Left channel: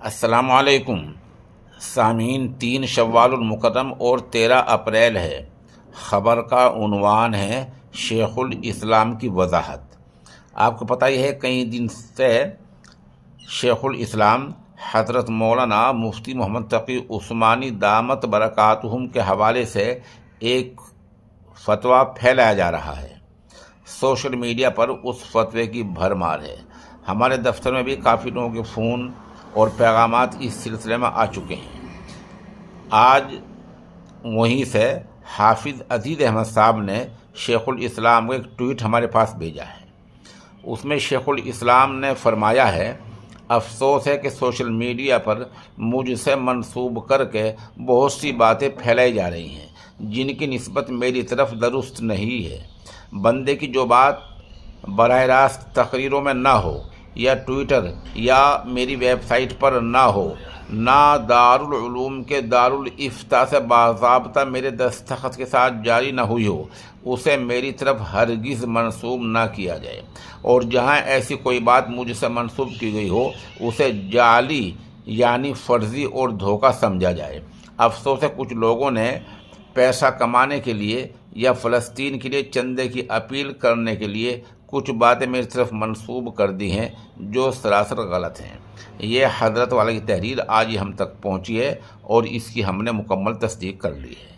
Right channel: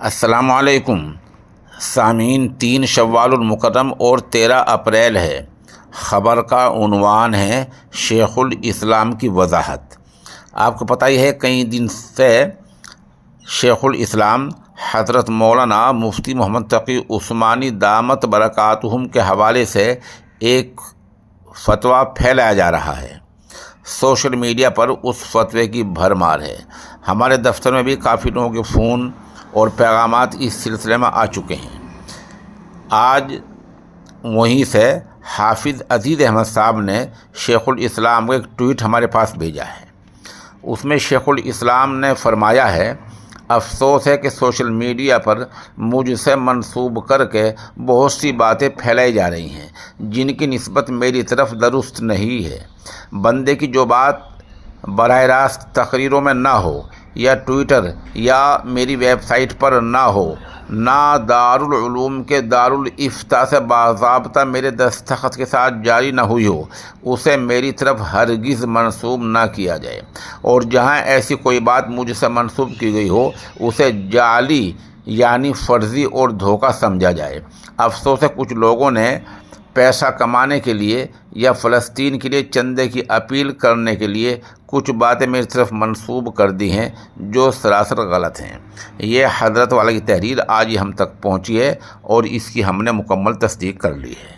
السلام علیکم سامعین، 3 شوال المکرم اور 13 اپریل ہے۔ خبر کا عنوان ہے شیخ الاسلام کی وضاحت۔ آپ کو پتہ ہی ہے کئی دن سے شیخ الاسلام حضرت مولانا مفتی محمد تقی عثمانی دامت برکاتہم کے حوالے سے ایک فتویٰ پھیلایا جا رہا ہے۔ سوشل میڈیا پر اس فتوے کی بھرمار ہے۔ ہمارے دفتر میں بھی کافی لوگوں کے فون اور پیغامات اس سلسلے میں آ چکے ہیں۔ آج وہیں سے حافظ عزیز احمد صاحب نے شیخ الاسلام کا ایک ٹویٹ ہمارے پاس بھیجا ہے۔ اس میں شیخ الاسلام نے فرمایا ہے، افسوس ہے کہ سوشل میڈیا پر مجھ سے منسوب کر کے بہت سی باتیں پھیلائی جا رہی ہیں جن کی نسبت میری طرف درست نہیں ہے۔ بندے کی جو بات براہ راست تقریروں میں نہ ہو یا ٹویٹر یا میری ویب سائٹ پر نہ ہو، نہ دارالعلوم کے دارالافتاء سے باضابطہ میرے دستخط کے ساتھ جاری نہ ہوئی ہو، اسے میری طرف ہرگز منسوب نہ کیا جائے، اور جہاں ایسی کوئی بات مجھ سے منسوب کی گئی ہو اسے جعلی یعنی فرضی اور دھوکہ سمجھا جائے۔ افسوس ہے کچھ لوگوں نے پیسہ کمانے کے لیے یا فلسطین کے لیے چندے کی اپیل کرنے کے لیے کچھ باتیں میری طرف منسوب کر دی ہیں جو سراسر غلط ہیں۔ یہ حضرت والا کی تحریر آج ہی ہم تک پہنچی ہے اور اس کی ہم نے مکمل تصدیق کر لی ہے۔